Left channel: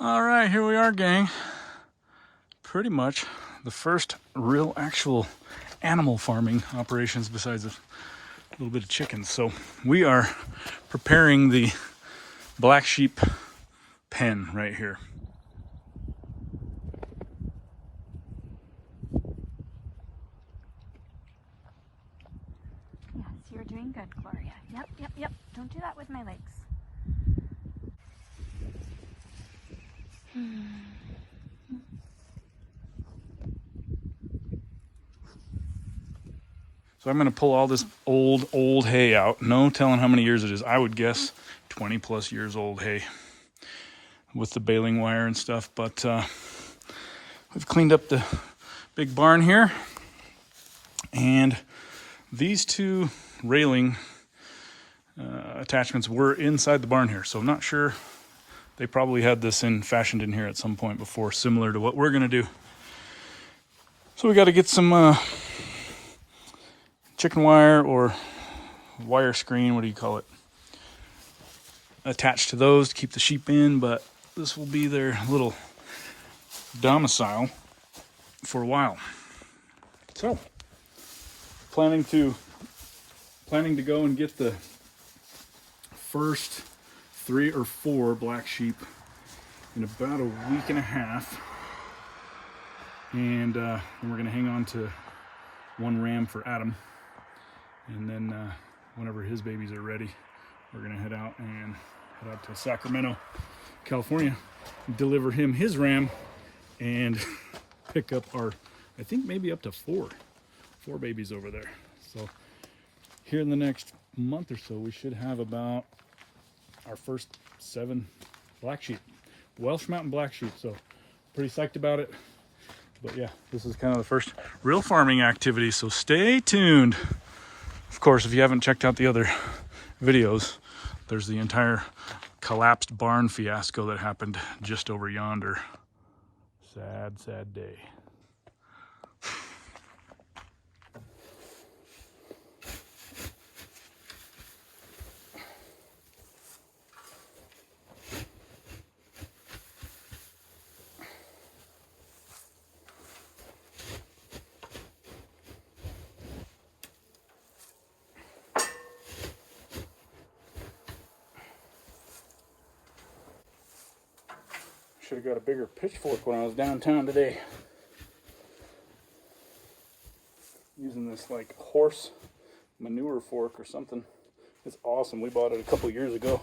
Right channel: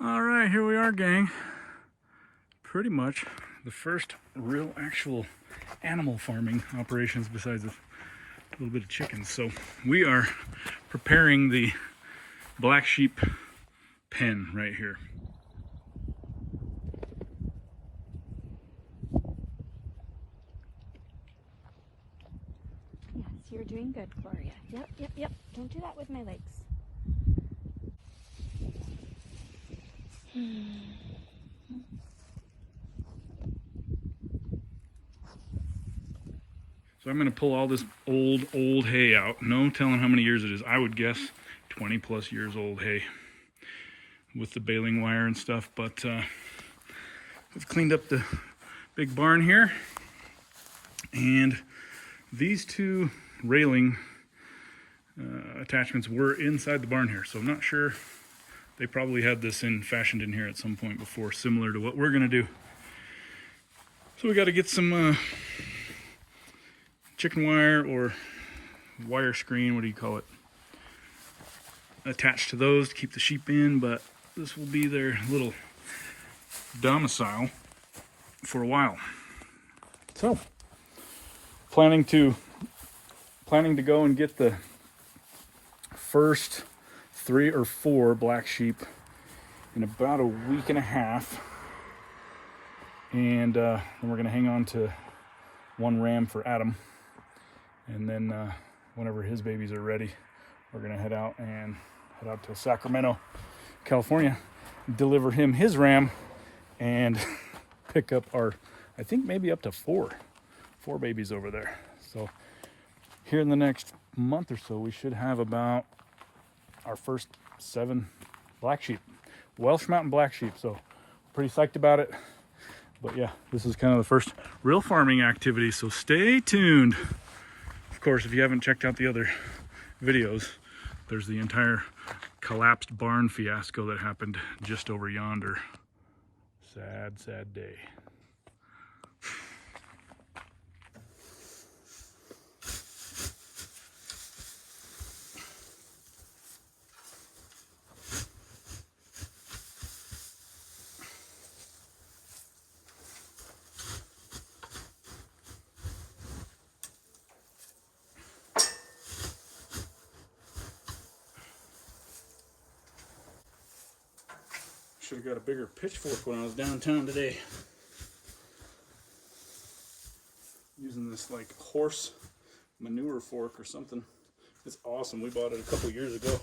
All right, here we are, gang. Pretty much the first real actual animal farming operations besides a little bit of chickens. So we are preparing the black sheep pen right here. Yes, you're doing good, Gloria. Yep. Don't do that with my legs. So I'm going to pull all this old hay out. No telling how many years it is. I would guess 20 plus years old hay with the baling wire and stuff. But we've cleaned up the big barn here. And these two railing attachments were inside the barn here. So I'm not sure. They probably had this fashioned in here at some point before, similar to what we're going to do. So we got to get some chicken wire or wire screen, what do you call it, attached to those to keep the sheep in, but this will be their little domicile for a while. So planning to go and get the first 3 or 4 black sheep in about a week and a half, and then we're going to hang on to 1 ram for Adam. And then whenever his babies are ready, we're going to head out to Sacramento, California, deliver him his ram, and pick up our, I think maybe up to 4 babies over there. So here in the next month or so, we should have about our first 7 black sheep, Welsh mountain black sheep. So pretty psyched about it. But yeah, this is kind of the first real farming activity, so stay tuned. Of course, if you haven't checked out the other videos, there's the entire collapsed barn fiasco that happened just over yonder. Sad, sad day. Should have got a bigger pitchfork when I was downtown today. Using this like horse manure fork or something. It's awesome. We bought it a couple years ago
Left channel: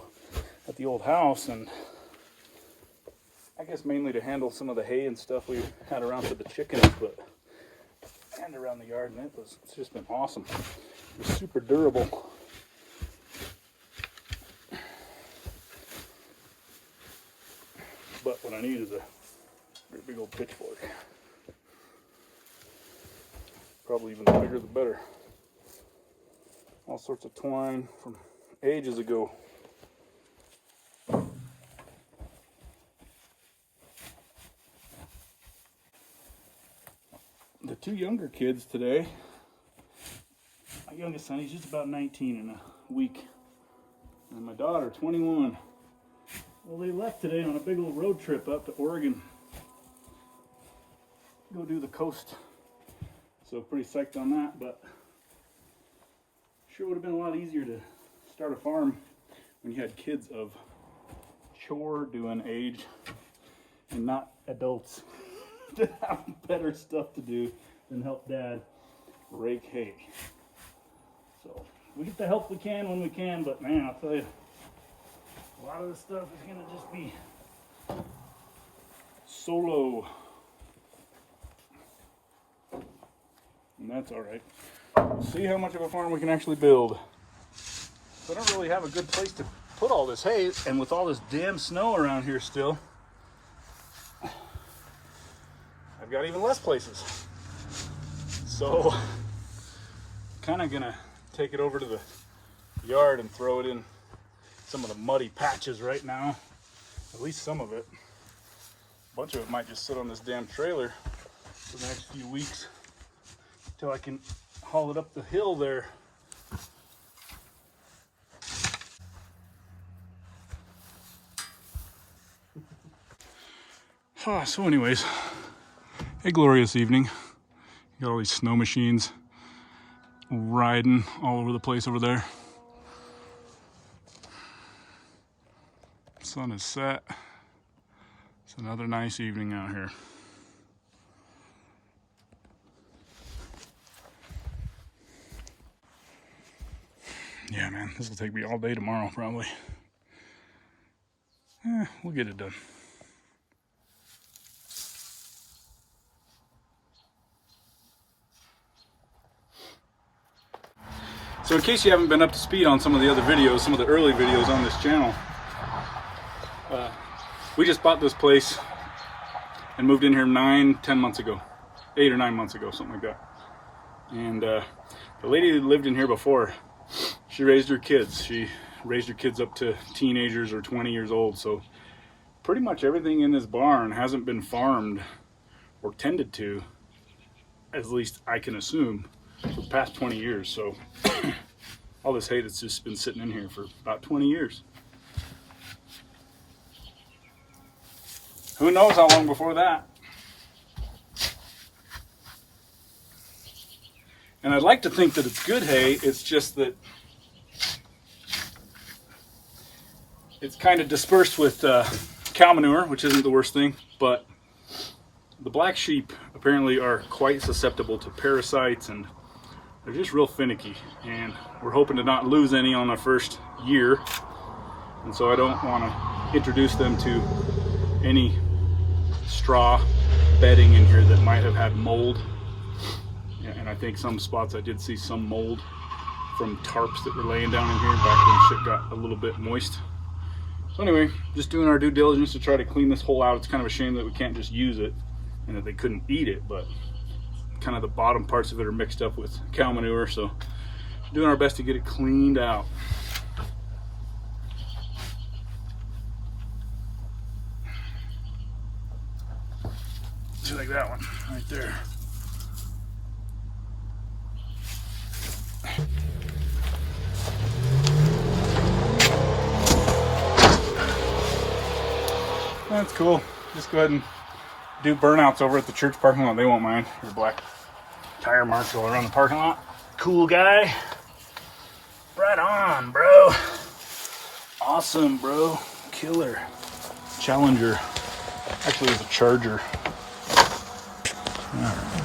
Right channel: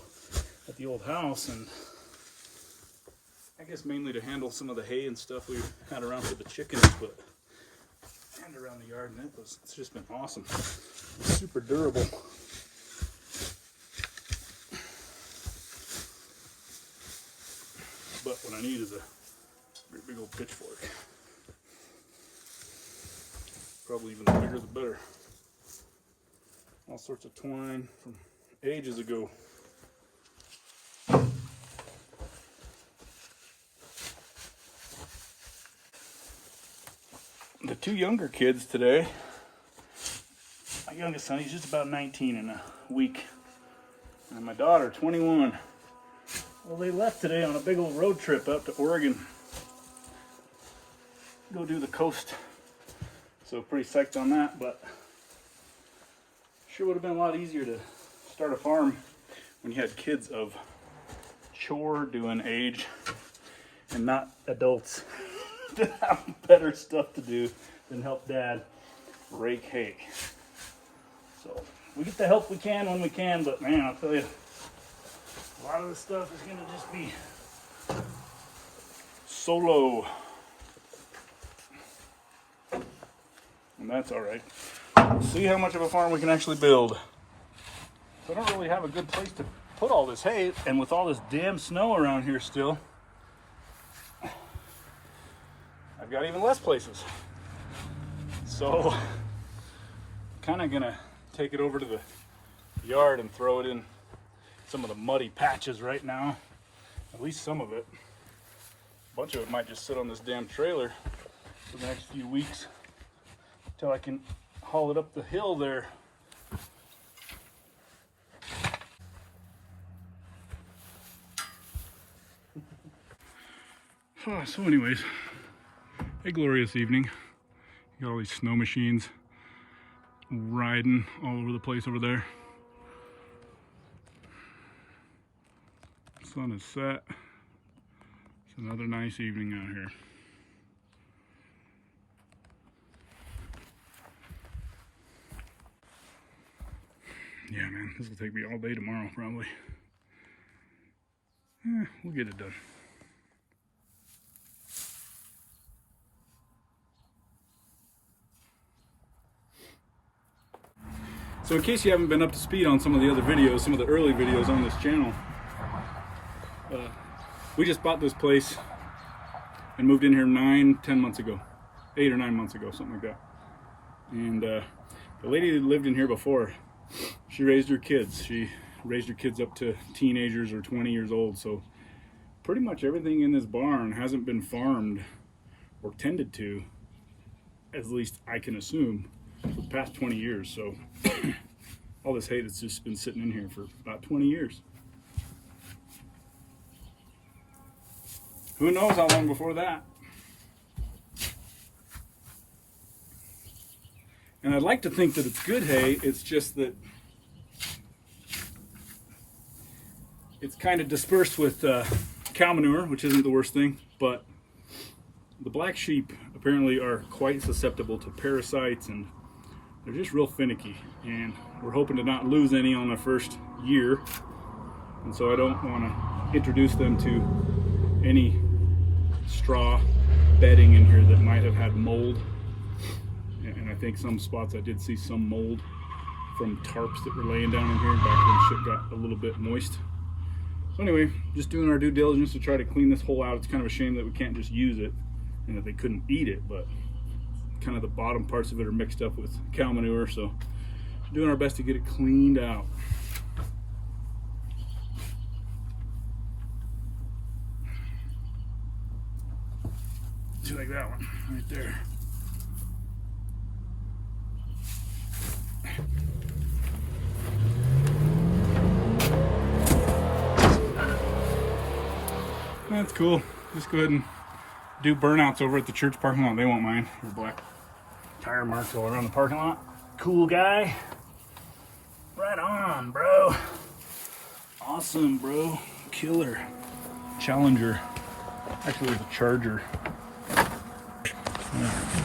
at the old house, and I guess mainly to handle some of the hay and stuff we had around for the chickens, but and around the yard, and it's just been awesome. It's super durable. But what I need is a very big old pitchfork. Probably even the bigger the better. All sorts of twine from ages ago. The 2 younger kids today, my youngest son, he's just about 19 in a week. And my daughter, 21. Well, they left today on a big old road trip up to Oregon. Go do the coast. So pretty psyched on that, but sure would have been a lot easier to start a farm when you had kids of chore doing age and not adults that have better stuff to do than help dad rake hay. So we get the help we can when we can, but man, I'll tell you, a lot of this stuff is going to just be solo. And that's all right. We'll see how much of a farm we can actually build. So I don't really have a good place to put all this hay, and with all this damn snow around here still, I've got even less places. So kind of gonna take it over to the yard and throw it in some of the muddy patches right now, at least some of it. A bunch of it might just sit on this damn trailer for the next few weeks till I can haul it up the hill there. So anyways, a glorious evening. You got all these snow machines riding all over the place over there. Sun is set. It's another nice evening out here. Yeah, man, this will take me all day tomorrow, probably. We'll get it done. So in case you haven't been up to speed on some of the other videos, some of the early videos on this channel, we just bought this place and moved in here 9-10 months ago. 8 or 9 months ago, something like that. And the lady that lived in here before, she raised her kids. She raised her kids up to teenagers or 20 years old. So pretty much everything in this barn hasn't been farmed or tended to, at least I can assume, for the past 20 years. So all this hay that's just been sitting in here for about 20 years. Who knows how long before that? And I'd like to think that it's good hay. It's just that it's kind of dispersed with cow manure, which isn't the worst thing, but the black sheep apparently are quite susceptible to parasites, and they're just real finicky, and we're hoping to not lose any on our first year, and so I don't want to introduce them to any straw bedding in here that might have had mold. Yeah, and I think some spots I did see some mold from tarps that were laying down in here back when shit got a little bit moist. So anyway, just doing our due diligence to try to clean this hole out. It's kind of a shame that we can't just use it and that they couldn't eat it, but kind of the bottom parts of it are mixed up with cow manure, so doing our best to get it cleaned out. Just like that one right there. That's cool. Just go ahead and do burnouts over at the church parking lot. They won't mind. Your black tire marks all around the parking lot. Cool guy. Right on, bro. Awesome, bro. Killer. Challenger. Actually, it's a Charger. All right.